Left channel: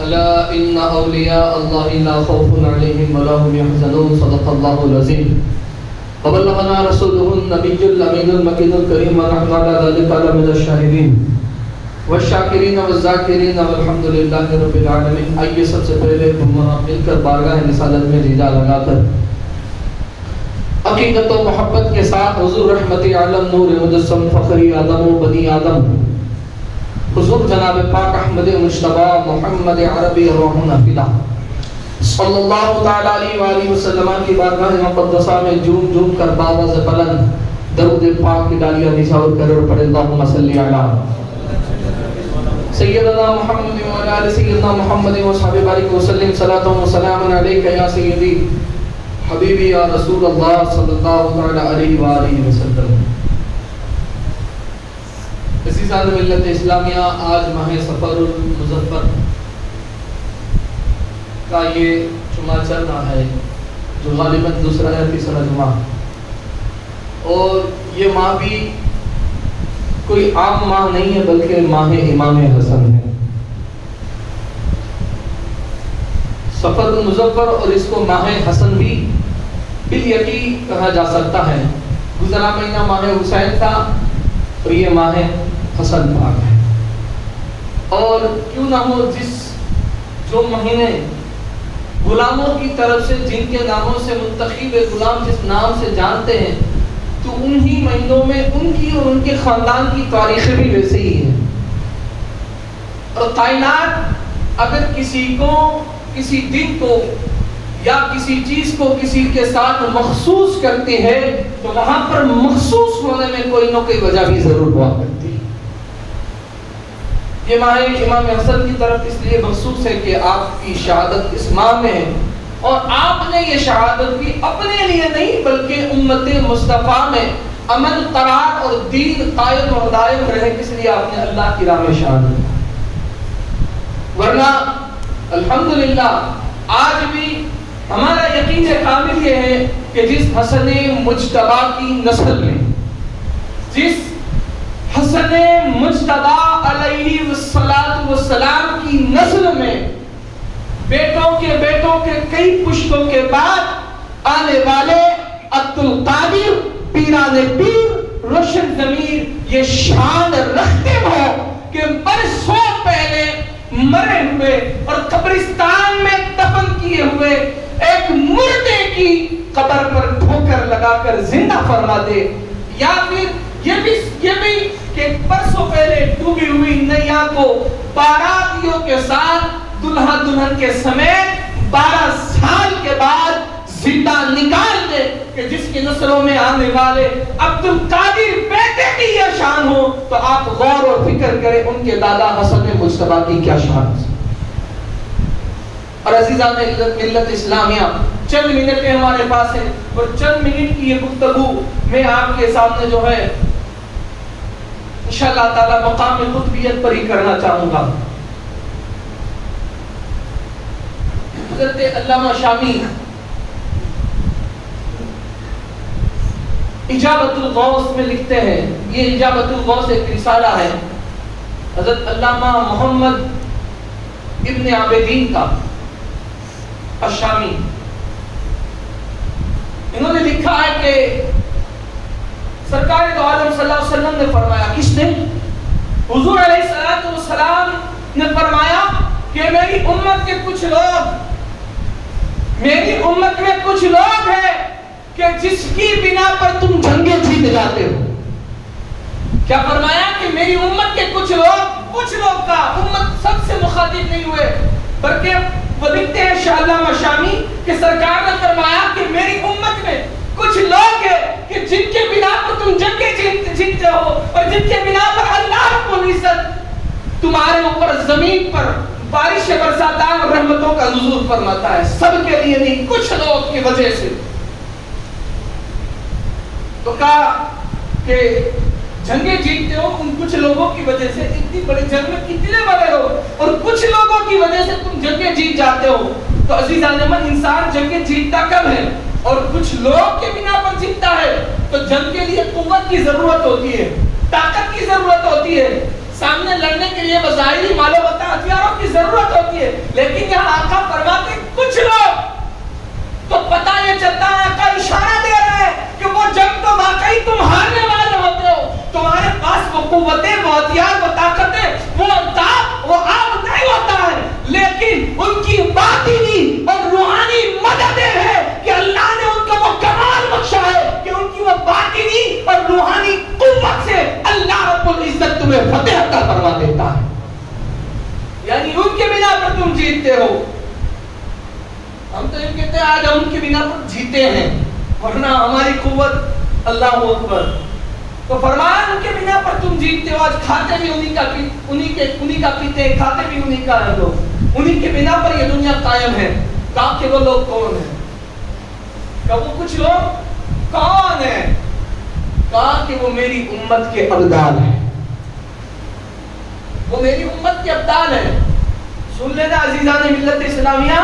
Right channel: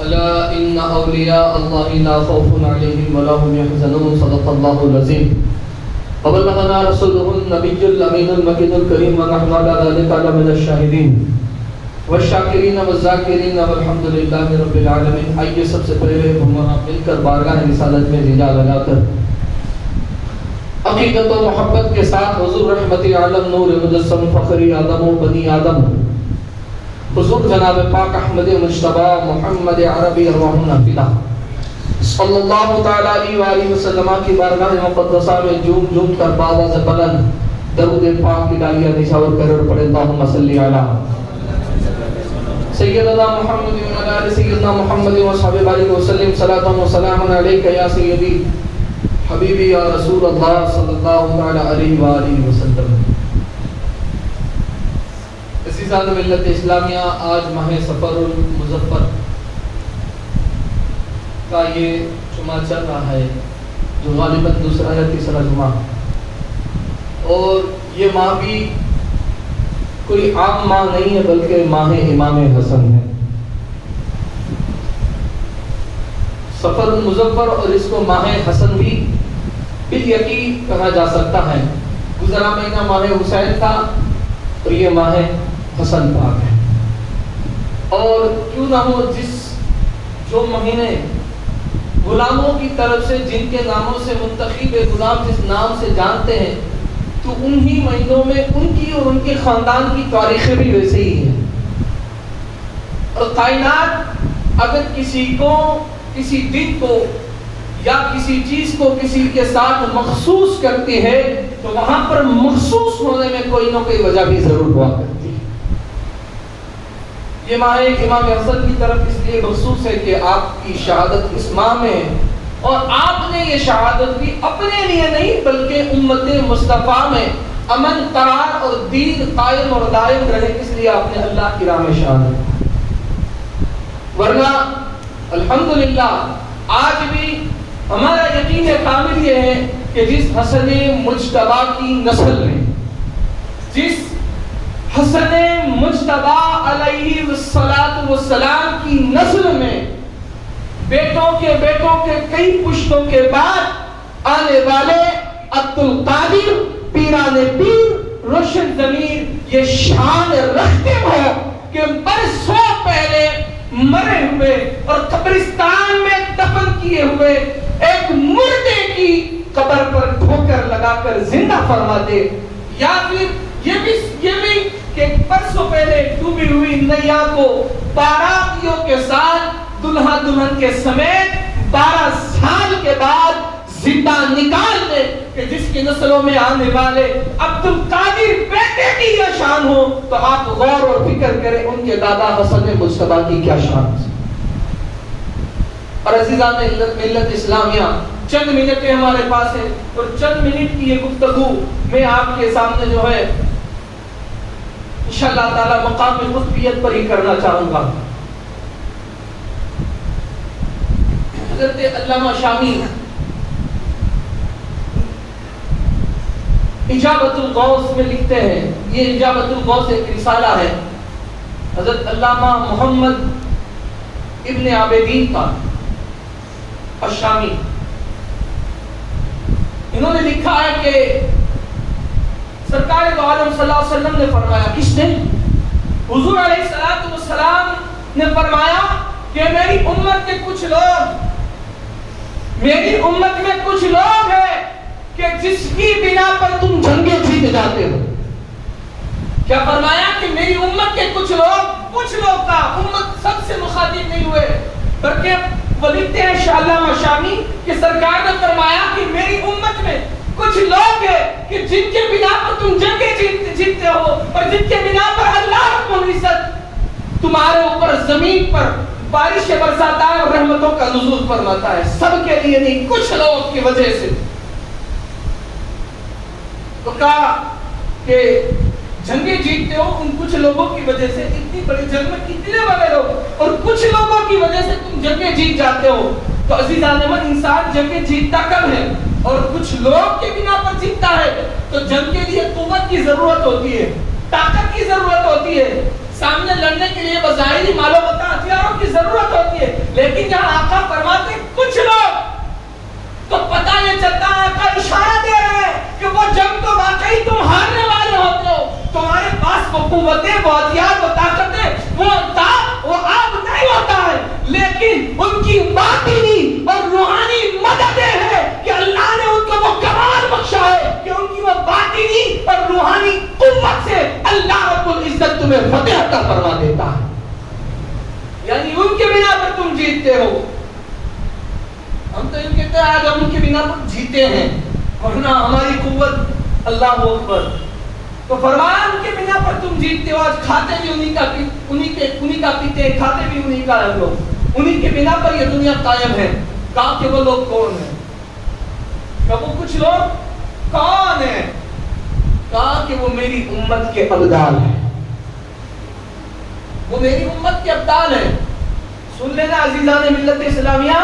ألا إن أولياء الله لا خوف عليهم ولا هم يحزنون صدق الله العظيم وبلغنا رسوله النبي الأمين المكين الكريم ونحن على ذلك من الشاهدين والشاکرین والذاکرین والحمد للہ رب العالمین۔ آئیے سب سے پہلے ہم مل کر بارگاہ رسالت میں رجا لگا کر عقیدت و محبت کے ساتھ حضور رحمت عالم نور مجسم فخری آدم و بنی آدم حضور جناب پاک احمد مجتبی محمد عربی الرحمن فدا صلی اللہ تعالی علیہ وآلہ وسلم کی بارگاہ مقدسہ میں جھوم جھوم کر باواز بلند درود پاک کی ڈالیاں نثار کر پڑھے اللہم صلی علی سیدنا محمد وعلی آل سیدنا محمد وصحبہ بارک وسلم صلاۃ و سلام علیک یا سیدی حبیبی یا رسول اللہ صلی اللہ علیہ وآلہ وسلم۔ عزیزان ملت اسلامیہ، آج ماہ سفر المظفر کا یہ جمعہ چل رہا ہے جو غالباً دوسرا یا تیسرا جمعہ، اور یہ ماہ بھی کوئی عام ماہ نہیں ہے بلکہ ماہ امام حسن ہے۔ سفر المظفر اور اس کو ماہ حسن بھی بالیقین کہا جا سکتا ہے۔ گزرا مہینہ ماہ حسین تھا اور یہ ماہ حسن پاک ہے۔ اور کیوں نہ ہو، جو مہینے غلاموں کی طرف سے جن کے ناموں سے منتخب غلام جس نام سے جانتے ہیں، تو انہی مہینوں میں ان کی اور ان کے خاندان کی تاریخیں بھی ویسے ہی ہیں۔ اور کائنات اگر کسی کو، کسی دن کو یا کسی چیز کو کسی کے ساتھ مخصوص کرتی ہے تو وہاں پر مخصوص ہونے میں کوئی نہ کوئی وجہ بھی ضرور ہوا کرتی ہے۔ یہ ماہ امام حسن کی طرف اس لیے مخصوص ہے کہ آپ کی شہادت اس ماہ میں ہے، اور آپ نے یہ شہادت بھی اپنے لیے نہیں بلکہ امت مصطفیٰ میں امن قرار اور دین قائم اور دائم رہے، اس لیے آپ نے اللہ کی راہ میں شہادت۔ ورنہ الحمدللہ آج بھی ہمارا یقین کامل یہ ہے کہ جس حسن مجتبی کی نسل میں، جس حسن مجتبی علیہ السلام کی نسل میں بیٹوں کے کئی پشتوں کے بعد آنے والے عبدالقادر پیران پیر روشن ضمیر یہ شان رکھتے ہو کہ برسوں پہلے مرے ہوئے اور قبرستان میں دفن کیے ہوئے ایک مردے کی قبر پر ٹھوکر لگا کر زندہ فرما دے، یا پھر یہ بھی کہ برسوں پہلے ڈوبی ہوئی نیا کو باراتیوں کے ساتھ دلہا دلہن کے سمیت 12 سال کے بعد زندہ نکال دے، کہ جس کی نسلوں میں آنے والے عبدالقادر بیٹے کی یہ شان ہو، تو آپ غور و فکر کریں ان کے دادا حسن مجتبی کی کیا شان ہے۔ اور عزیزان ملت اسلامیہ، چند منٹ ہمارے پاس ہیں، اور چند منٹ کی یہ گفتگو میں آپ کے سامنے جو ہے انشاءاللہ تعالی مقام قطبیت پر ہی کرنا چاہوں گا۔ حضرت علامہ شامی اجابت الغوث میں لکھتے ہیں، یہ اجابت الغوث ایک رسالہ ہے حضرت علامہ محمد ابن عابدین کا الشامی۔ انہوں نے لکھا ہے کہ سرکار دو عالم صلی اللہ علیہ وسلم نے فرمایا، کس نے؟ حضور علیہ السلام نے فرمایا کہ میری امت میں کچھ لوگ ہیں کہ جس کی بنا پر تم جنگیں جیت جاتے ہو۔ کیا فرمایا کہ میری امت کے کچھ لوگ کا امت سب سے مخاطب نہیں ہوئے، بلکہ وہ لکھتے ہیں شاہ علامہ شامی کہ سرکار نے فرمایا کہ میری امت میں کچھ لوگ ہیں کہ جن کے بنا پر تم جنگیں جیتتے ہو، اور جن کے بنا پر اللہ رب العزت تمہارے اوپر زمین پر بارش برساتا ہے اور رحمتوں کا نزول فرماتا ہے، سب کے لیے نہیں، کچھ لوگ کی وجہ سے۔ تو کہا کہ جنگیں جیتتے ہو ان کچھ لوگوں کی وجہ سے، اتنی بڑی جنگ میں کتنے والے ہو، اور کچھ لوگوں کی وجہ سے تم جنگیں جیت جاتے ہو۔ تو عزیزان من، انسان جنگیں جیتتا کب ہے اور کچھ لوگ کے بنا پر جیتتا ہے، تو جنگ کے لیے قوت کی ضرورت ہوتی ہے، طاقت کی ضرورت ہوتی ہے، سامنے لڑنے کے لیے بظاہری مال و متاع ہتھیاروں کی ضرورت ہوتی ہے، لیکن یہاں آقا فرماتے کچھ لوگ تو پتہ یہ چلتا ہے، آقا اشارہ دے رہے ہیں کہ وہ جنگ تو واقعی تم ہارنے والے ہوتے ہو، تمہارے پاس وہ قوتیں، وہ ہتھیار، وہ طاقتیں، وہ آب نہیں ہوتا ہے، لیکن ان کی باطنی اور روحانی مدد ہے کہ اللہ نے ان کو وہ کمال بخشا ہے کہ ان کی وہ باطنی اور روحانی قوت سے اللہ رب العزت تمہیں فتح عطا فرما دیتا ہے، یعنی ان کے بنا پر تم جیتتے ہو۔ ہم تو یہ کہتے ہیں آج ہم ان کے بنا پر جیتے ہیں، ورنہ ہماری قوت اللہ اکبر۔ تو فرمایا ان کے بنا پر تم جیتتے ہو، آج کھاتے بھی انہی کا پیتے ہیں، کھاتے بھی انہی کا ہے، لوگ انہی کے بنا پر یہ دنیا قائم ہے۔ کہا کہ وہ لوگ کون ہیں؟ کہ وہ کچھ لوگ کون ہیں؟ کہا کہ وہ میری امت کے ابدال ہیں، وہ میری امت کے ابدال ہیں۔ سن لینا عزیزان ملت اسلامیہ،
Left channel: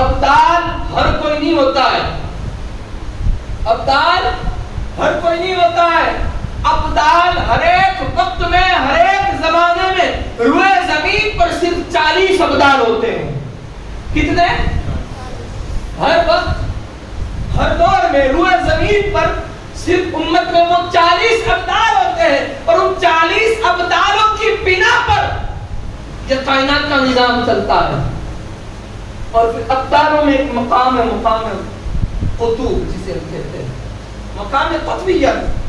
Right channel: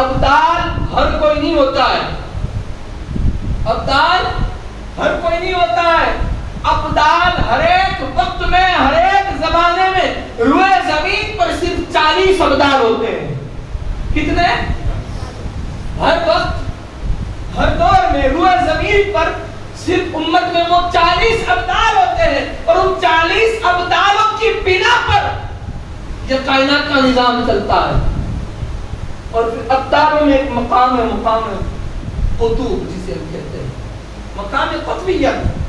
ابدال ہر کوئی نہیں ہوتا ہے، ابدال ہر کوئی نہیں ہوتا ہے، ابدال ہر ایک وقت میں، ہر ایک زمانے میں روئے زمین پر صرف 40 ابدال ہوتے ہیں۔ کتنے؟ ہر وقت، ہر دور میں روئے زمین پر صرف امت میں وہ 40 ابدال ہوتے ہیں، اور ان 40 ابدالوں کی بنا پر یہ کائنات کا نظام چلتا ہے۔ اور پھر ابدالوں میں ایک مقام ہے، مقام قطوب جسے ہم کہتے ہیں، مقام قطبیت۔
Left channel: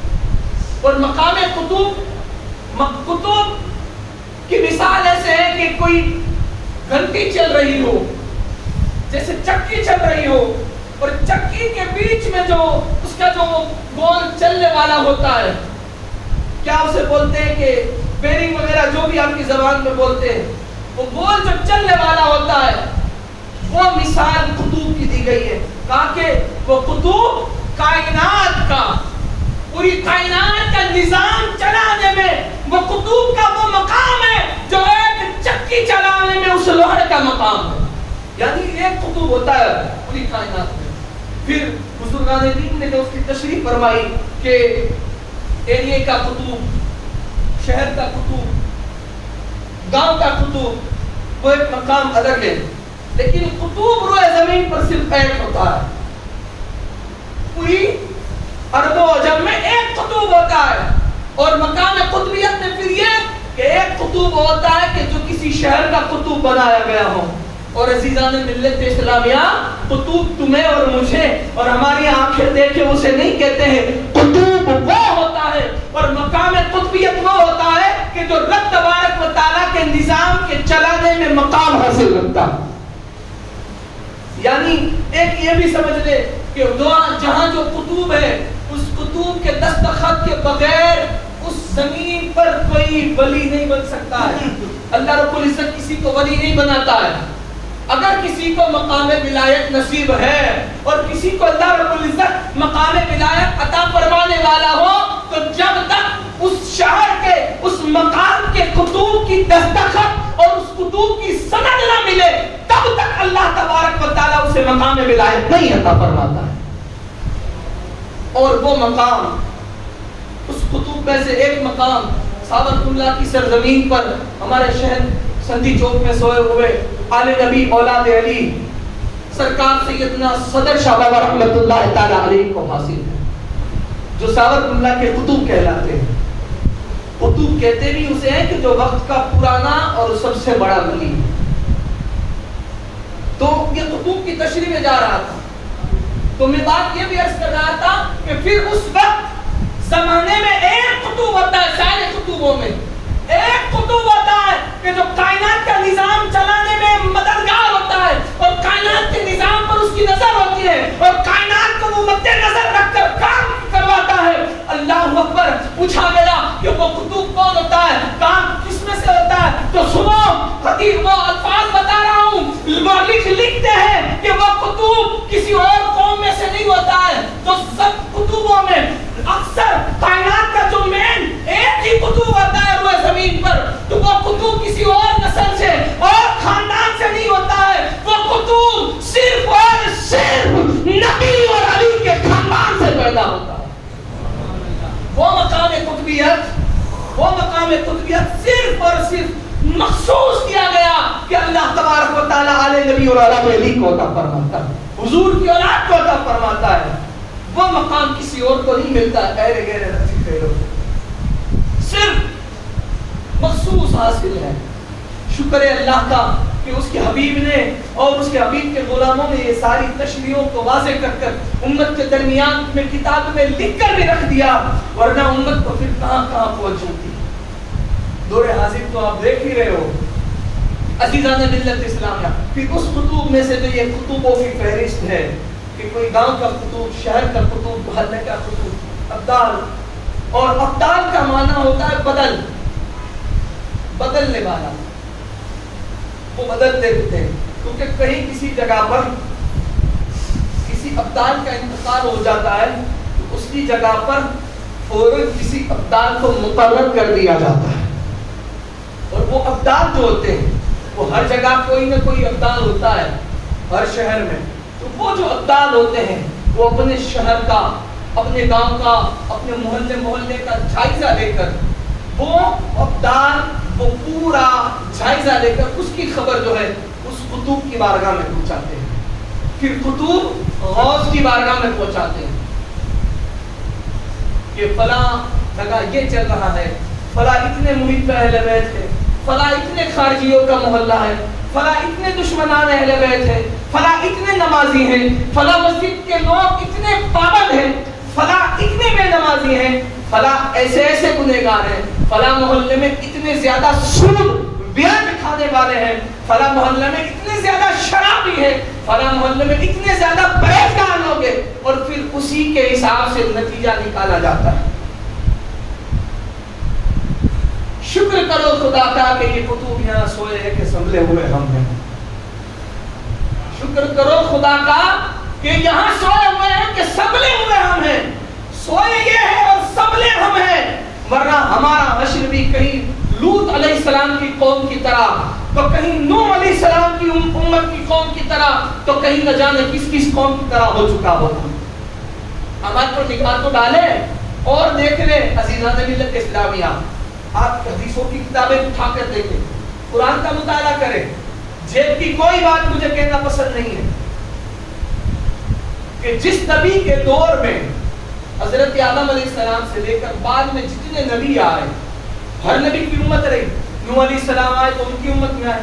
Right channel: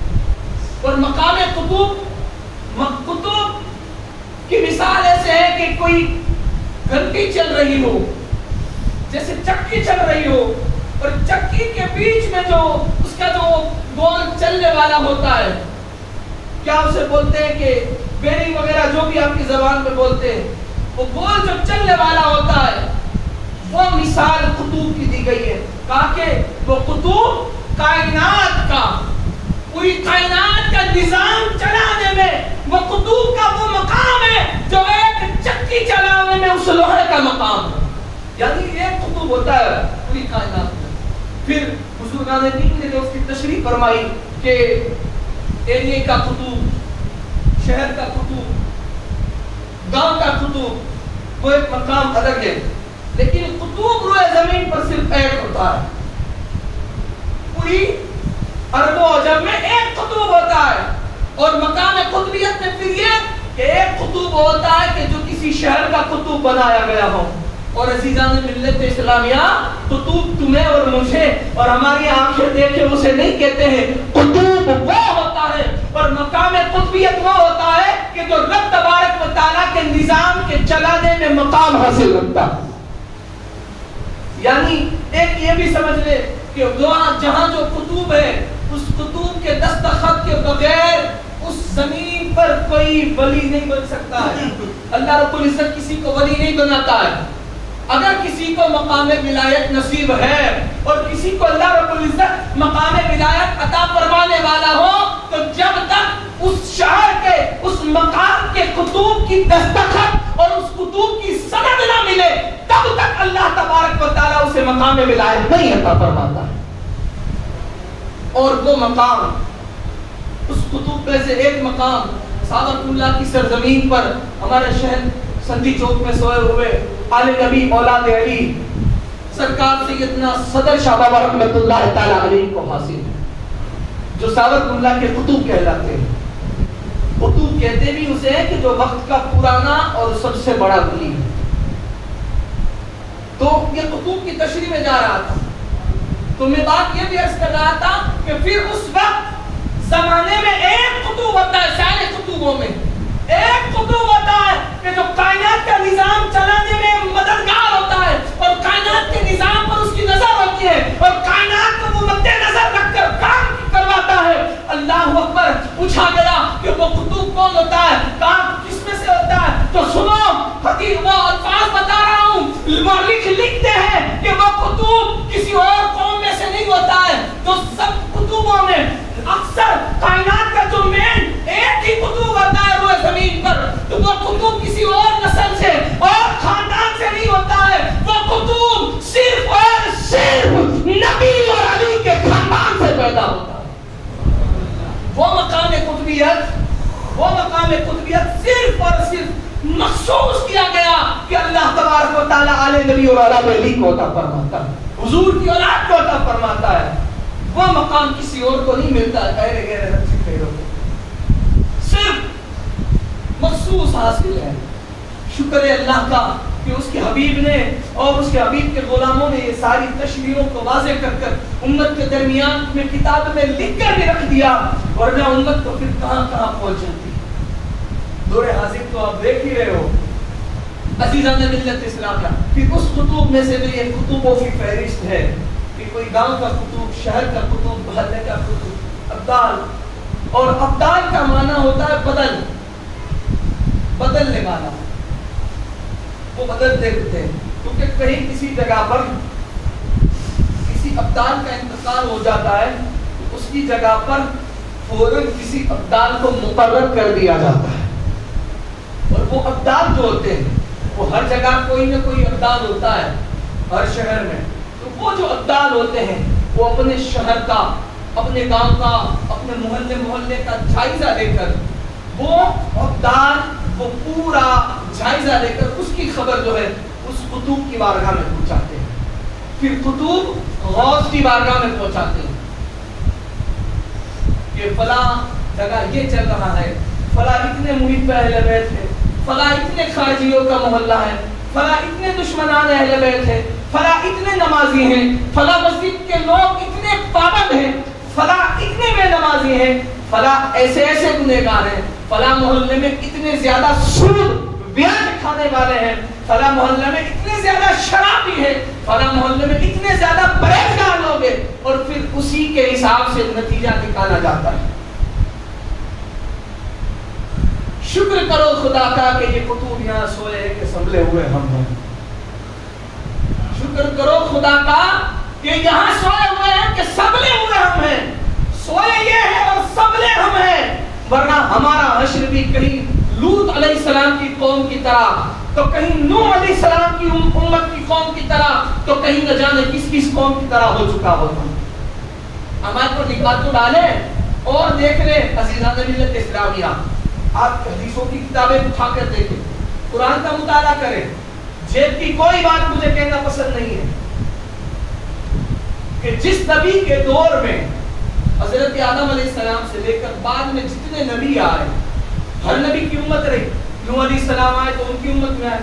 اور مقام قطب کی مثال ایسے ہے کہ کوئی گھنٹی چل رہی ہو، جیسے چکی چل رہی ہو، اور چکی کے بیچ میں جو اس کا جو گول چلنے والا ہوتا ہے، کیا اسے بولتے ہیں کہ بیرنگ وغیرہ جو بھی آپ کی زبان میں بولتے ہیں، وہ گول جو چلنے والا ہوتا ہے، وہ مثال قطوب کی دی گئی ہے۔ کہا کہ وہ قطوب کائنات کا، پوری کائنات کا نظام چلانے میں وہ قطوب کا وہ مقام ہے جو ایک چکی چلانے میں اس لوہے کا مقام ہے، یعنی ایک قطب ہوتا ہے پوری کائنات میں۔ پھر بزرگان دین نے جو اس کی تشریح فرمائی کہ ایریے کا قطب، شہر کا قطب، گاؤں کا قطب، وہ ایک مقام الگ ہے، لیکن قطب روئے زمین پر صرف ایک ہوتا ہے، پوری عرب و عجم میں ایک قطب ہوتا ہے۔ اور مقام قطبیت میں پھر یہ کہ ایک قطب ہوتا ہے کہ جو کسی شہر کا قطب بنایا گیا ہو۔ اور عزیزان ملت اسلامیہ، قطب تمہیں اور مجھے اور ہماری آنکھیں دیکھے اسے نہیں کہتے ہیں، قطب وہ ہوتا ہے، اور مقام قطبیت وہ ہوتا ہے کہ جو رب تبارک و تعالیٰ کے نظام کے چلانے میں مقام حاصل رکھتا ہے۔ یعنی ایک یہ بھی سمجھ لے کہ جہاں جو قطب ہے، اس قطب کے دستخط کے بغیر اس زمین پر کوئی ولی نہیں بن سکتا ہے۔ اللہ رب العزت کسی کو ولی نہیں بناتا ہے۔ اگر کسی کو مقام ولایت نصیب ہے اور کسی کو اللہ رب العزت مقام ولایت عطا فرمانے والا ہو، تو جب تک اس شہر کے، اس مقام کے قطب کی دستخط اور اس قطب کی سند نہ ملے، تب تک اللہ تبارک و تعالیٰ اسے مقام ولایت نہیں عطا فرماتا ہے۔ اور وہ مقام، اس قطب میں سے ایک مقام سعادت اللہ کی سرزمین پر ہمارے شہر سندھی چوک میں سوئے ہوئے آل نبی اولاد علی سرکار سیدنا صدر شاہ بابا رحمت اللہ تعالی علیہ کو حاصل ہے، جو سعادت اللہ کے قطب کہلاتے ہیں۔ قطب کہتے بھی اسے ہیں کہ جو وقت کا پرانا اور سب سے بڑا ولی ہے۔ تو یہ قطب کی تشریح میں جا رہا تھا، تو میں بات یہ بھی عرض کر رہا تھا کہ پھر اس وقت زمانے میں ایک قطب ہوتا ہے، سارے قطبوں میں ایک قطب ہوتا ہے کہ جو کائنات کا نظام چلانے میں مددگار ہوتا ہے، اور کائنات کے نظام پر اس کی نظر ہوتی ہے، اور کائنات کو وہ مد نظر رکھ کر کام کرواتا ہے۔ اللہ اکبر۔ پوچھا گیا کہ وہ قطب کون ہوتا ہے، کام کس میں سے ہوتا ہے؟ تو سنو، حدیث وہ الفاظ بتا رہا ہوں، مورخ لکھتے ہیں کہ وہ قطب کسی اور قوم میں سے نہیں ہوتا ہے۔ جو سب قطبوں میں اکثر کائنات کا جو مین ایک ہی قطب ہوتا ہے روئے زمین پر، تو وہ قطب کسی اور نسل سے اور خاندان سے نہیں ہوتا ہے، وہ قطب صرف اور صرف نبی اور علی کے خاندان سے پیدا ہوتا ہے۔ وہ مقام قطبیت، وہ مقام مقام قطبیت صرف اور صرف مخصوص کیا گیا کہ اللہ تبارک و تعالیٰ آل نبی اور آل علی کو عطا فرماتا ہے, حضور کی اولاد کو عطا فرماتا ہے. وہ مقام کسی اور کو نہیں ملتا, غیر غیر نفسی غیروں کو صرف مخصوص حاصل ہے. شکر ہے اللہ کا کہ اس کے حبیب نے اور اس کے حبیب کے غلاموں نے یہ ساری تشریحوں کو واضح کر کر امت کے درمیان میں کتاب میں لکھ کر بھی رکھ دیا, ورنہ امت تو پھر کہاں کہاں پہنچ جاتی. دور حاضر تو آپ دیکھ ہی رہے ہو عزیزان ملت اسلامیہ. پھر اس کتب میں سے بھی یہ کتبوں کی فہرست ہے کہ کوئی گاؤں کا کتب, شہر کا کتب, محلے کا کتب, ابدال. اور ابدال کا معنی ہوتا ہے بدل, بدلنے والا. وہ بدلتے رہتے ہیں کیونکہ کہیں کسی جگہ پر کسی ابدال کا انتقال ہو جاتا ہے تو اس کی جگہ پر فوراً کسی ابدال کو مقرر کر دیا جاتا ہے. اور وہ ابدال جو ہوتے ہیں وہ ہر جگہ کوئی نہ کوئی ابدال ہوتا ہے ہر شہر میں. تو وہ جو ابدال ہوتے ہیں وہ اپنے شہر کا, اپنے گاؤں کا, اپنے محلے کا جائزہ لے کر وہ ابدال وہ پورا جائزہ لے کر اس کی خبر جو ہے اس قطب کی بارگاہ میں پہنچاتے ہیں. پھر قطب غوث کی بارگاہ میں پہنچاتے ہیں کہ فلاں جگہ یہ چل رہا ہے, فلاں اتنے محیط پہ اہل بیت ہے, فلاں اتنے خارجیوں کا محلہ ہے, فلاں اتنے دشمنان اہل بیت ہے, فلاں اتنے نمازی ہیں, فلاں مسجد کے لوگ اتنے پابند ہیں, فلاں اتنے بے نمازی ہیں, فلاں ایسے ایسے گنہگار ہیں, فلاں محلے میں اتنے زیادہ سود بیان کھانے والے ہیں, فلاں محلے میں اتنے زیادہ شرابی ہیں, فلاں محلے میں اتنے زیادہ پرہیزگار لوگ ہیں. اور پھر اسی کے حساب سے نتیجہ نکالا جاتا ہے. شکر کرو خدا کا کہ یہ کتب یہاں سوئے ہیں کہ سنبھلے ہوئے ہم ہیں. شکر کرو خدا کا کہ یہاں سوئے ہوئے ہیں کہ سنبھلے ہوئے ہم ہیں. سوئے یہ ہیں اور سنبھلے ہم ہیں, ورنہ ہمارا حشر بھی کہیں لوط علیہ السلام کی قوم کی طرح, تو کہیں نوح علیہ السلام کی امت کی قوم کی طرح, تو کہیں نہ جانے کس کس قوم کی طرح ہو چکا ہوتا. ہمارے پر نگاہ تو ڈالیں اور دیکھ لیں عزیزان ملت اسلامیہ, آپ حدیثوں کی کتابیں اٹھا کر دیکھیں, قرآن کا مطالعہ کریں. جیب کی کوئی بات مجھے کہنا پسند نہیں ہے کہ جس نبی کے دور میں حضرت آدم علیہ السلام سے لے کر بعد میں جتنے نبی آئے, ہر نبی کی امت رہی. نوح علیہ السلام آئے تو ان کی امت میں آئے,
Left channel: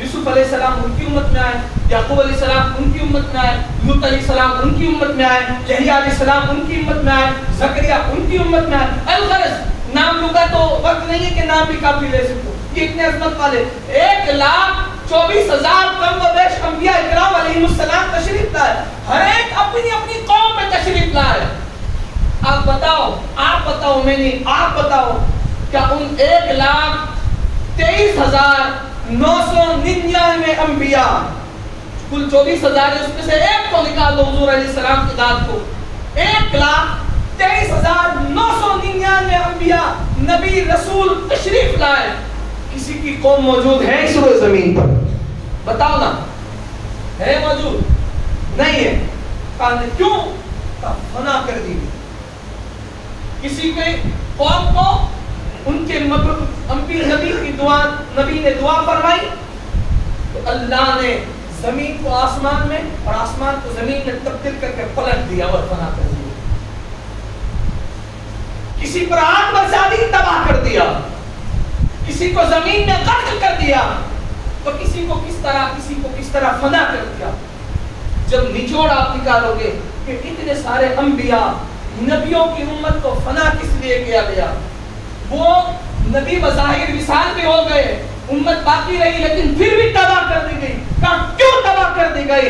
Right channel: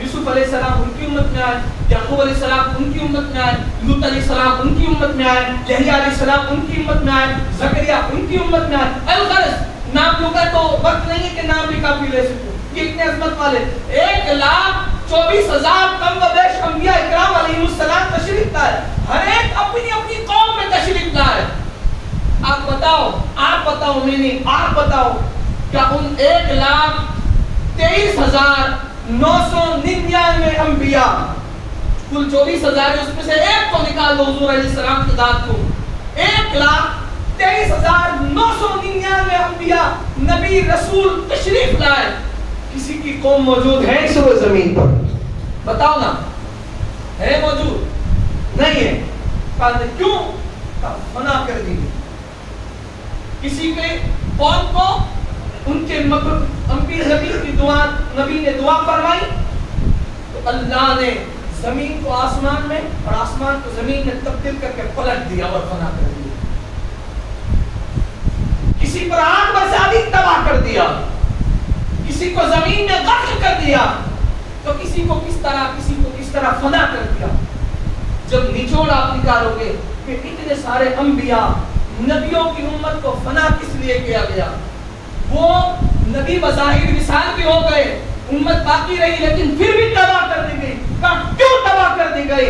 یوسف علیہ السلام ان کی امت میں آئے, یعقوب علیہ السلام ان کی امت میں آئے, لوط علیہ السلام ان کی امت میں آئے, یحییٰ علیہ السلام ان کی امت میں آئے, زکریا ان کی امت میں آئے. الغرض نام لوں گا تو وقت نہیں ہے کہ نام بھی کافی لے سکوں, یہ اتنے عظمت والے 1,24,000 کم و بیش انبیاء اکرام علیہ السلام تشریف لائے, ہر ایک اپنی اپنی قوم میں تشریف لائے. آپ بتاؤ میں نہیں, آپ بتاؤ کیا ان 1,23,999 انبیاء, کل 24,000 اس میں سے ایک کو نکال دو حضور علیہ السلام کی ذات کو, 1,23,999 انبیاء نبی رسول تشریف لائے, کسی کی قوم موجود ہے اس روئے زمین پر؟ بتاؤ نا, ہے موجود نہیں ہے. کیوں؟ منع کر دی. کسی کے قوم کو ان کے نبی نے دعا فرمائی تو اللہ نے زمین کو آسمان میں اور آسمان کو زمین میں تبدیل کر کے پلٹ دیا اور فنا کر دیا. کسی پر آگ برسا دی, تباہ کر دیا. کسی کو زمین میں قتل کر دیا, تو کسی کو کس طرح فنا کر دیا. جب نچوڑ آپ نکالو گے کہ اتنے سارے انبیاء نبیوں کی امت کو فنا کس لیے کیا گیا, وہ نبی بظاہر وصال بھی ہو گئے, امت باقی رہی لیکن پھر بھی تباہ کر دی گئی. کیوں تباہ کر دی گئی؟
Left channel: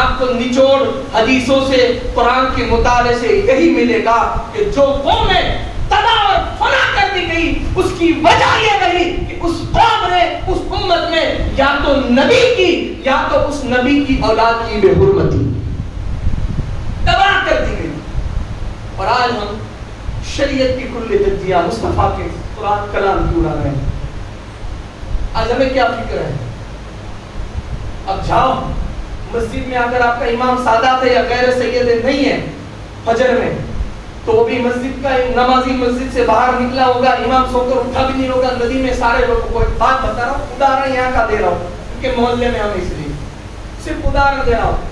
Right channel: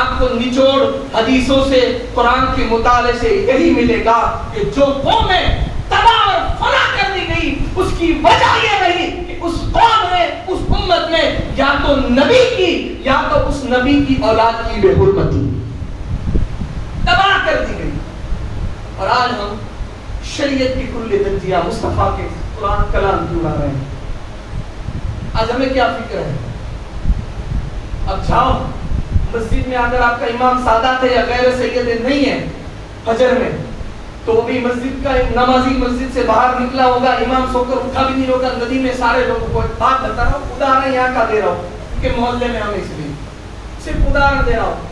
آپ کو نچوڑ حدیثوں سے, قرآن کے مطالعے سے یہی ملے گا کہ جو قومیں تباہ اور فنا کر دی گئی اس کی وجہ یہ رہی کہ اس قوم نے, اس امت میں یا تو نبی کی یا تو اس نبی کی اولاد کی بے حرمتی, تباہ کر دی گئی. اور آج ہم شریعت کی کل تجزیہ مصطفیٰ کے قرآن کلام کی اڑا رہے ہیں. آج ہمیں کیا فکر ہے؟ اب جاؤ مسجد میں, اگر آپ کا امام سادات ہے یا غیر سید نہیں ہے, فجر میں تو وہ بھی مسجد کا نمازی مسجد سے باہر نکلا ہوگا, امام سو کر اٹھا بھی نہیں ہوگا, ندی میں سارے لوگوں کو بات بتا رہا ہوں, ادارن یہاں کا دے رہا ہوں کیونکہ محلے میں ہم اس لیے صرف ادارن دے رہا ہوں.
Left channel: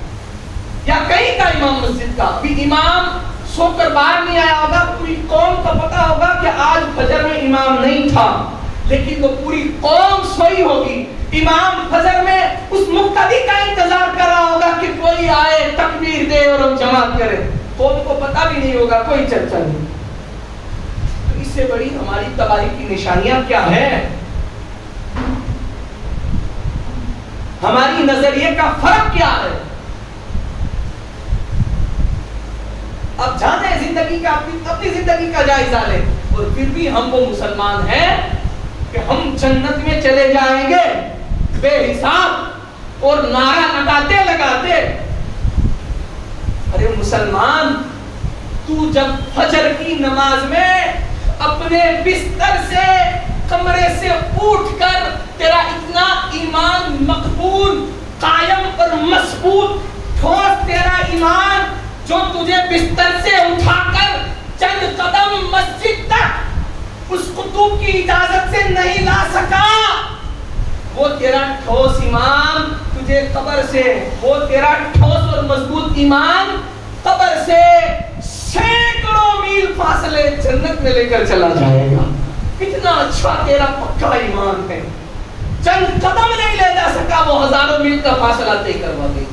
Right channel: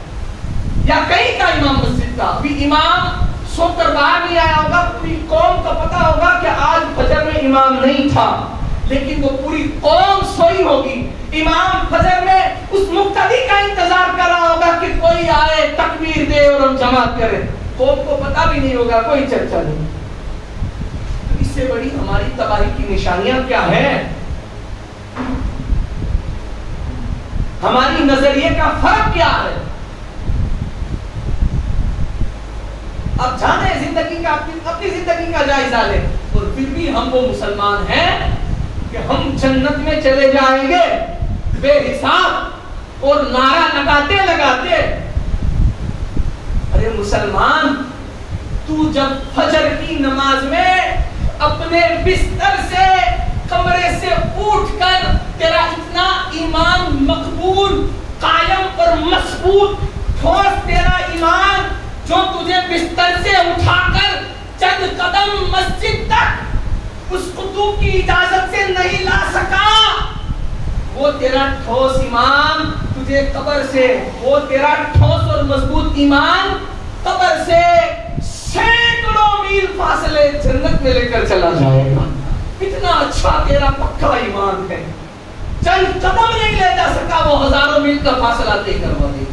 یا کہیں کا امام مسجد کا بھی امام سو کر باہر نہیں آیا ہوگا, پوری قوم کو پتا ہوگا کہ آج فجر میں امام نہیں تھا, لیکن وہ پوری قوم سوئی ہوگی. امام فجر میں اس مقتدی کا انتظار کر رہا ہوگا کہ کوئی آئے تکبیر دے اور ہم جماعت کرے, قوم کو پتا بھی نہیں ہوگا, کوئی چرچا نہیں. تو اس سے بڑی ہماری تباہی کی نشانیاں کیا ہے؟ ہماری نظریے کا فرق کیا ہے؟ اب جانے زندگی کا اپنی زندگی کا جائزہ لیں, اور پھر بھی ہم وہ مسلمان ہیں کہ ہم جنت میں چلے جائیں گے بے حساب, اور نعرہ لگاتے لگاتے. ارے مسلمان, تو جب فجر کی نماز میں اپنے بستر سے کمرے سے اٹھ کر تیرا اتنا ایمان مقبول قائم اور مضبوط ٹھوس تیرا ایمان جو تجھے بستر سے اٹھا کر چند قدم مسجد تک اس قطب کی اجازت سے نہیں لا سکا, وہ تیرا ٹھوس ایمان تجھے قبر سے, وہ تیرا ٹھوس اور مضبوط ایمان قبر سے سینکڑوں میل فاصلے جنت میں لے کر چلا جائے گا. کتنا اچھا تیرا پکا ایمان ہے, چند قدم نہیں لے جا سکا, وہ ہزاروں میل کا فاصلہ طے کروا دے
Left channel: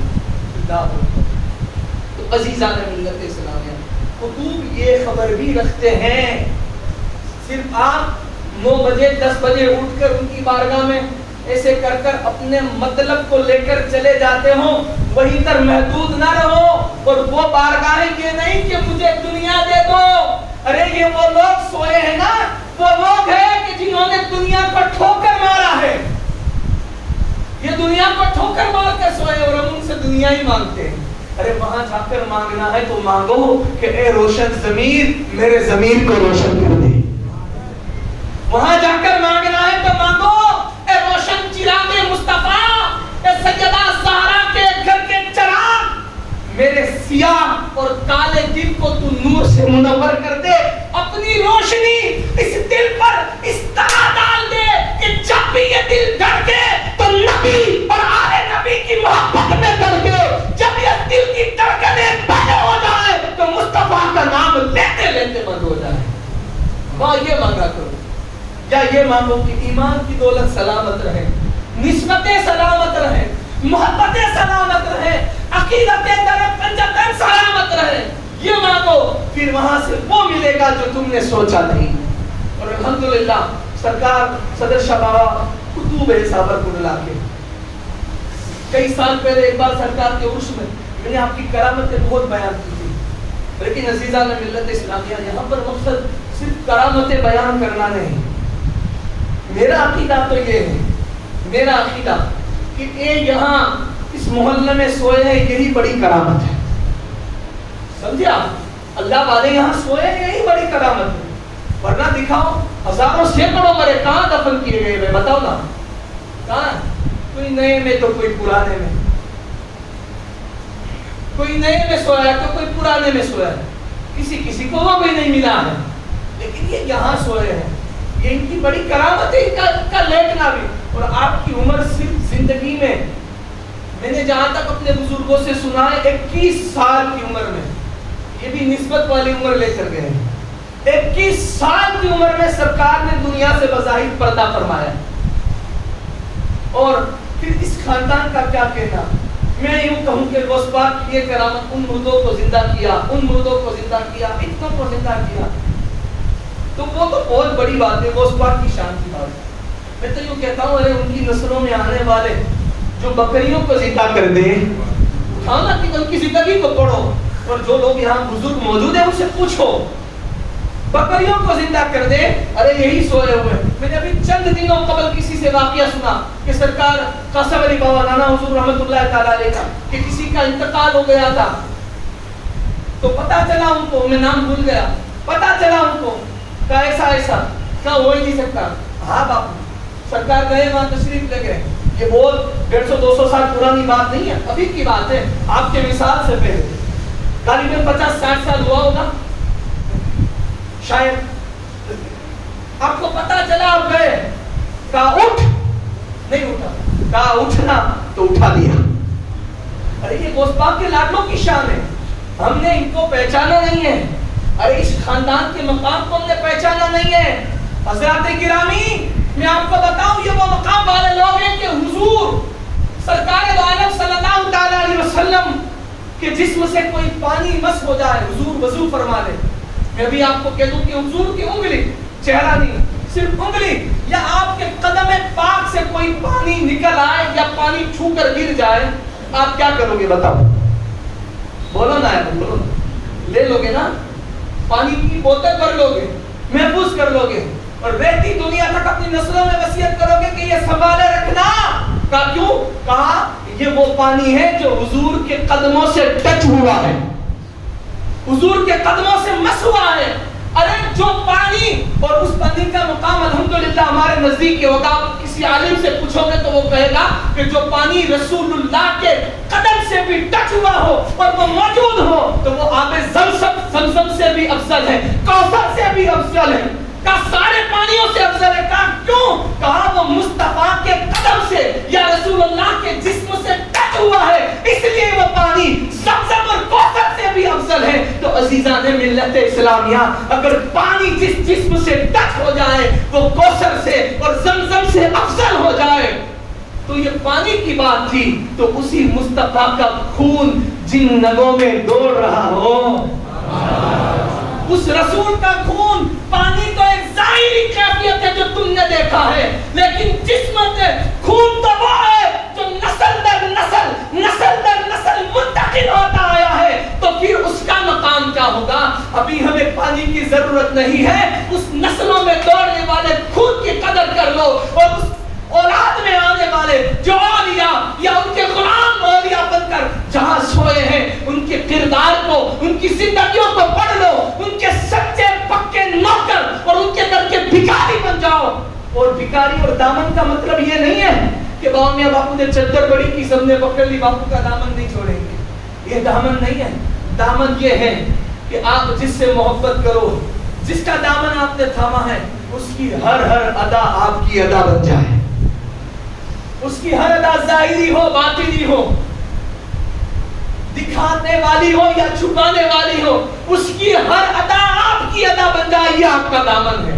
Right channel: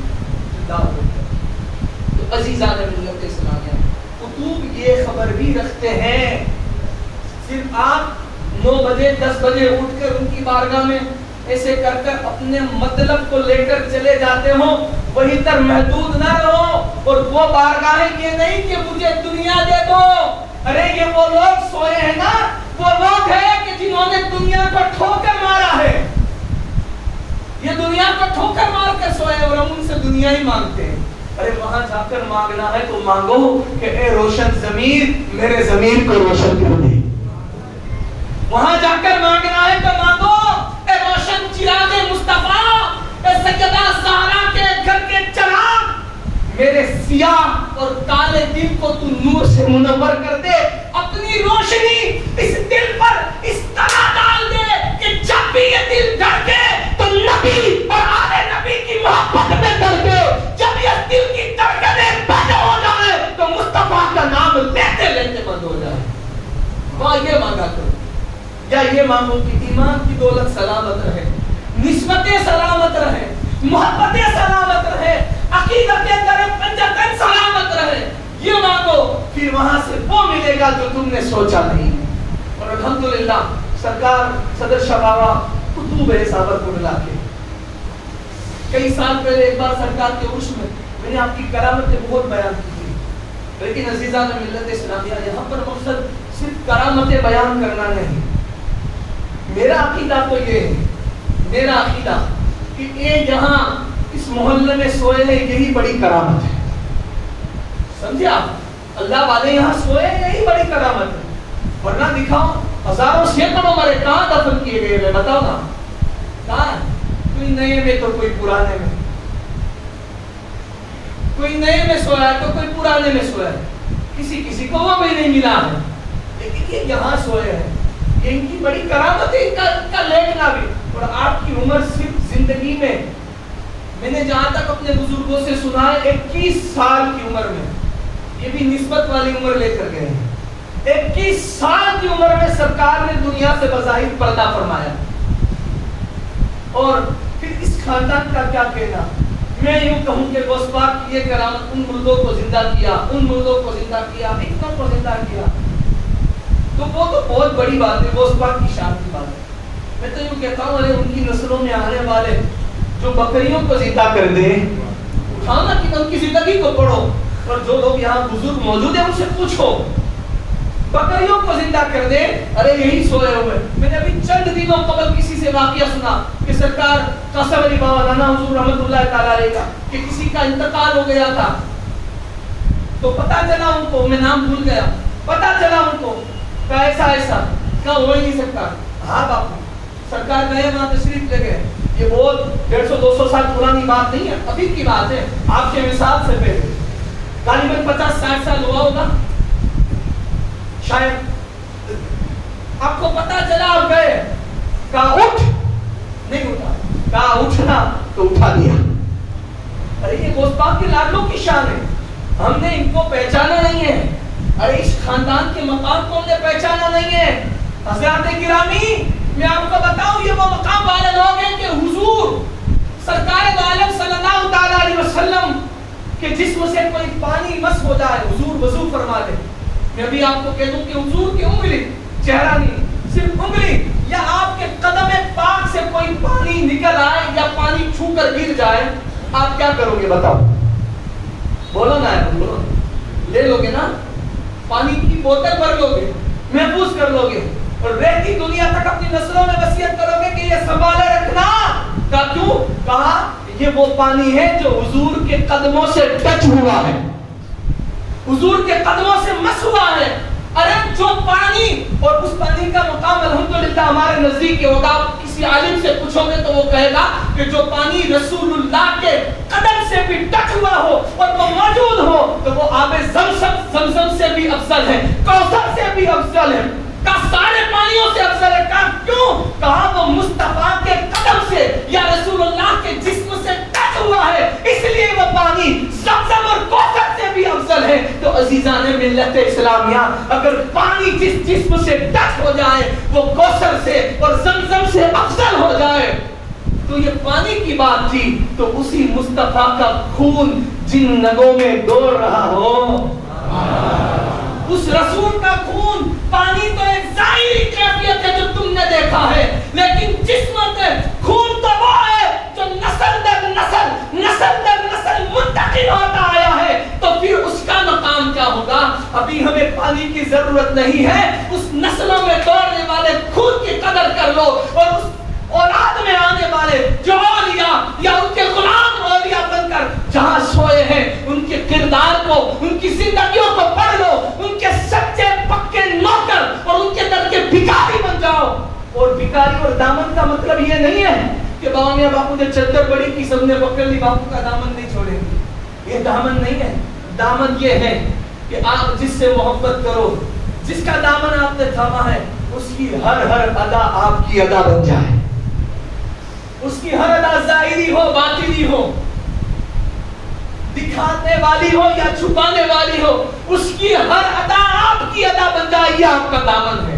گا. تو عزیزان ملت اسلامیہ, قطب یہ خبر بھی رکھتے ہیں, صرف آپ 9 بجے 10 بجے اٹھ کر ان کی بارگاہ میں ایسے کر کر اپنے مطلب کو لے کر چلے جاتے ہو, وہی تر محدود نہ رہو. اور وہ بارگاہیں یہ نہیں کہ مجھے دنیا دے دو. ارے یہ وہ لوگ سوئے ہیں نا, وہ لوگ ہیں کہ جنہوں نے دنیا کو ٹھوکر مارا ہے. یہ دنیا کو ٹھوکر مار کر سوئے اور ہم ان سے دنیا ہی مانگتے ہیں. ارے وہاں جا کر مانگنا ہے تو مانگو کہ اے روشن ضمیر میرے ضمیر کو روشن کر دے. وہاں جا کر مانگنا ہے تو مانگو اے روشن چراغ مصطفیٰ, اے سیدہ زہرا کے گھر کے چراغ, میرے سیاہ اور کالے دل کو تو نور سے منور کر دے. اپنی روشنی اس دل پر اس طرح ڈال دے کہ جب بھی یہ دل دھڑکے تو نبی اور آل نبی کی محبت میں دھڑکے. جب یہ دل کی دھڑکنیں بند ہو جائے تو مصطفیٰ کا نام لیتے لیتے بند ہو جائے. وہاں یہ مانگا کرو, یا یہ مانگو کہ ایمان کی دولت سلامت رہے, نسبتیں سلامت رہے, محبتیں سلامت رہے, عقیدتیں در پنجتن سلامت رہے. یہ مانگو, پھر وہاں سے وہ ملے گا جو تم نے سوچا نہیں. اور الحمدللہ سرکار صدر شاہ بابا قطب ہے صابر کو ملا کے کئی سال پہلے ایک بار سرکار کے عرش میں نے آپ کی کرامتیں بہت بیان کی تھی. لیکن عزیزان ملت اسلامیہ, یہاں پر مقصد صرف کرامتیں بیان کرنا نہیں. میرا عقیدہ تو یہ ہے, میرا عقیدہ کہ یہ یہاں اس محلے میں سوئے ہیں یہی بڑی کرامت ہے. سمجھے آپ, اللہ والے یہاں سوئے ہیں یہی بڑی کرامت ہے. ورنہ دکھاؤ ہزاروں سینکڑوں مرے کہاں دفن کیے گئے ہیں, بتاؤ نا کہاں, کوئی نئے میں تو کوئی پرانے میں, کوئی نئے میں سویا ہے تو کوئی پرانے میں سویا ہے, کسی کسی کو وہ بھی نہیں ملا ہے, لیکن یہ یہاں سوئے ہیں. یہ ان کی بڑی کرامت ہے, ان کا لیٹنا بھی. اور آپ کی عمر صرف زندگی میں نے جہاں تک اپنے بزرگوں سے سنا ہے 21 سال کی عمر میں, یہ بھی نسبت والی عمر لے کر گئے ہیں. 21 سال کی عمر میں سرکار نے دنیا سے بظاہر پردہ فرمایا. اور پھر اس خاندان کا کیا کہنا, میں یوں کہوں کہ غوث پاک کی یہ کرامت ان مردوں کو زندہ کیا, ان مردوں کو زندہ کیا, اتنوں کو زندہ کیا, تو وہ تو بہت بڑی بات ہے, غوث پاک کی شان کی بات ہے. میں تو یوں کہتا ہوں ارے ان کی نسلوں میں آنے والے جو بکریوں کو زندہ کر دے, اٹھاؤ نا کہ ان کی زندگی کو پڑھو, اور جو لوگ یہاں بزرگ موجود ہیں ان سے پوچھو, بکریوں کو زندہ کر دے. ارے یہی سوئے ہوئے. میں نے ابھی چند دنوں قبل کسی سے واقعہ سنا کہ سرکار قاسم علی بابا نانا حضور رحمت اللہ تعالی علیہ کا کہ کسی کا انتقال ہو گیا تھا, تو پتا چلا ان کو, میں نام بھول گیا, پتا چلا ان کو کہ ایسا ایسا, کہا ہو ہی نہیں سکتا. ہاں باپو, سرکار گئے وہاں تشریف لے گئے. یہ بہت 150-200 سال پرانی بات نہیں ہے, ابھی کی بات ہے, آپ کے مثال سے پہلے غالباً 50-60 سال ہوا ہوگا. شاید آپ کو پتا چلا آپ گئے، کہا اٹھ، نہیں اٹھا، کہا اٹھنا تو اٹھا دیا۔ ارے یہ غوث پاک کے لاڈلوں کی شان ہے، ہم نے ان کو پہچانا نہیں ہے، ارے اس خاندان کے مقام کو ہم نے پہچانا نہیں ہے۔ حضرات گرامی، میں آپ کو بتاؤں یہ وہ مقام والے لوگ ہیں کہ حضور سرکار دو عالم صلی اللہ تعالی علیہ وسلم کے جسم سے کوئی پانی مس ہو جائے، حضور وضو فرما دے۔ میں ابھی آپ کو کہہ دوں کہ حضور کی انگلی، چہرہ نہیں صرف انگلی یا آپ کے قدم پاک سے کوئی پانی نکل آئے یا پانی چھو کر گر جائے، آپ کیا کرو گے بتاؤ؟ بولو نا، بولو، لے لو گے نا؟ پانی کی بوتل بھر لو گے، محفوظ کر لو گے اور رہتی دنیا تک اپنی نسلوں میں وصیت کرو گے کہ یہ سنبھالے رکھنا۔ کہا کیوں؟ کہا یہ وہ پانی ہے جو حضور کے قدموں سے ٹچ ہوا ہے، حضور کے قدموں سے مس ہوا ہے۔ ارے جو پانی، اور اس پانی کا مقام الحمدللہ ہمارے نزدیک ہوگا، کسی عالم سے پوچھو گے تو وہ کہے گا کہ جو پانی رسول اللہ کے قدم سے بھی ٹچ ہوا ہو اور وہ موجود ہو تو وہ آب زمزم سے بھی افضل ہے، کوثر سے بھی افضل ہے، کا سارے پانیوں سے افضل ہے۔ کہا کیوں؟ کہا وہ مصطفیٰ کے قدم سے یا رسول اللہ کے جسم سے ٹچ ہوا ہے، اس لیے وہ پانی زمزم اور کوثر سے بھی افضل ہے۔ تو عزیزان ملت اسلامیہ، اگر پانی جس جسم سے ٹچ ہو جائے وہ کوثر سے اور زمزم سے افضل ہو جائے تو یہ پانی کی بات تھی، تو اسی مصطفیٰ کا خون جن نگوں میں دوڑ رہا ہو، اس رسول کا خون، پانی تو ایک ظاہری کیفیت ہے جو تم نے دیکھا ہے، لیکن جسم میں خون تو وہ ہے جو نسل در نسل، نسل در نسل منتقل ہوتا آیا ہے، تو پھر اس کا مقام کیا ہوگا؟ ابھی ہمیں پانی کی ضرورت نہیں ہے، اس نسلوں میں دوڑنے والے خون کی قدر کر لو، اور اس اولاد میں آنے والے جو اولیاء یا ان کے غلام اولیاء بن کر جہاں سوئے ہیں ان کے کردار کو، ان کی زندگیوں کو پڑھ لو، ان کے سچے پکے نوکر اور ان کے در کے بھکاری بن جاؤ۔ اور بھکاری اور دامن کا مطلب یہ نہیں ہے کہ باؤ میاں باپو نے چادر بڑی کی، سب نے پکڑ لی، باپو کا دامن نہیں چھوڑیں گے، یہ دامن نہیں ہے۔ دامن یہ ہے کہ آپ جس سے محبت کرو، جس کا دامن آپ نے تھاما ہے، اس کی ہر ادا آپ کی ادا بن جائے، اس کی ہر ادا ظاہری ہو باطنی ہو، دکھانے والی ہو یا چھپانے والی ہو، اس کی ہر ادا آپ کی ادا بن جائے، یہ آپ کا دامن ہے۔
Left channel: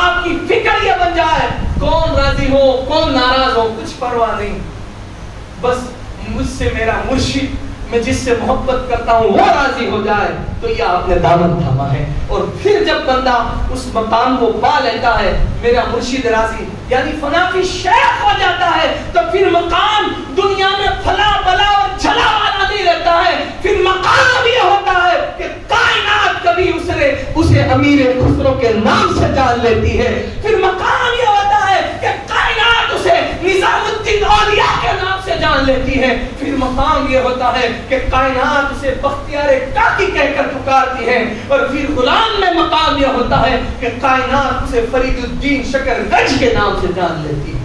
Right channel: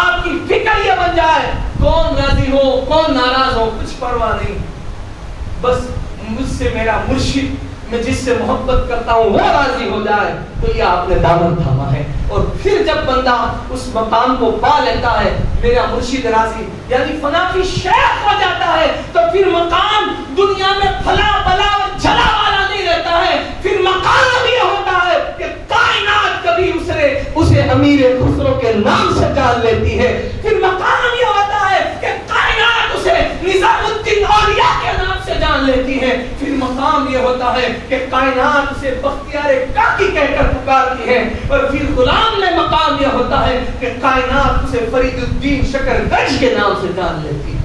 آپ کی فکر یہ بن جائے، کون راضی ہو کون ناراض ہو کچھ پرواہ نہیں، بس مجھ سے میرا مرشد، میں جس سے محبت کرتا ہوں وہ راضی ہو جائے، تو یہ آپ نے دامن تھاما ہے۔ اور پھر جب بندہ اس مقام کو پا لیتا ہے، میرا مرشد راضی، یعنی فنا فی شیخ ہو جاتا ہے، تو پھر مقام دنیا میں پھلا بلا اور جھلا والا نہیں رہتا ہے، پھر مقام یہ ہوتا ہے کہ کائنات کبھی اسے امیر خسرو کے نام سے جان لیتی ہے، پھر مقام یہ ہوتا ہے کہ کائنات اسے نظام الدین اولیاء کے نام سے جان لیتی ہے، پھر مقام یہ ہوتا ہے کہ کائنات اسے بختیار کاکی کہہ کر پکارتی ہے، اور پھر غلام میں مقام یہ ہوتا ہے کہ کائنات اسے فرید الدین شکر گنج کے نام سے جان لیتی ہے۔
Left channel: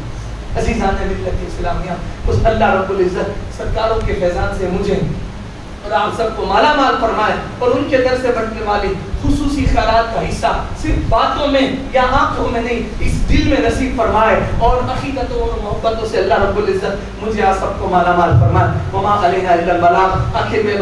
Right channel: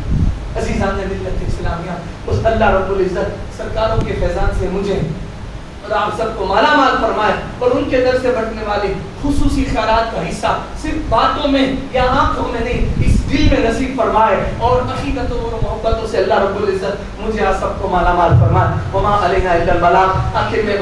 عزیزان ملت اسلامیہ، اس اللہ رب العزت سرکاروں کے فیضان سے مجھے اور آپ سب کو مالا مال فرمائے، اور ان کے در سے بٹنے والی خصوصی خیرات کا حصہ صرف باتوں میں یا آنکھوں میں نہیں، اس دل میں نصیب فرمائے، اور عقیدتوں اور محبتوں سے اللہ رب العزت مجھے آپ سب کو مالا مال فرمائے۔ وما علینا الا البلاغ۔ آخر میں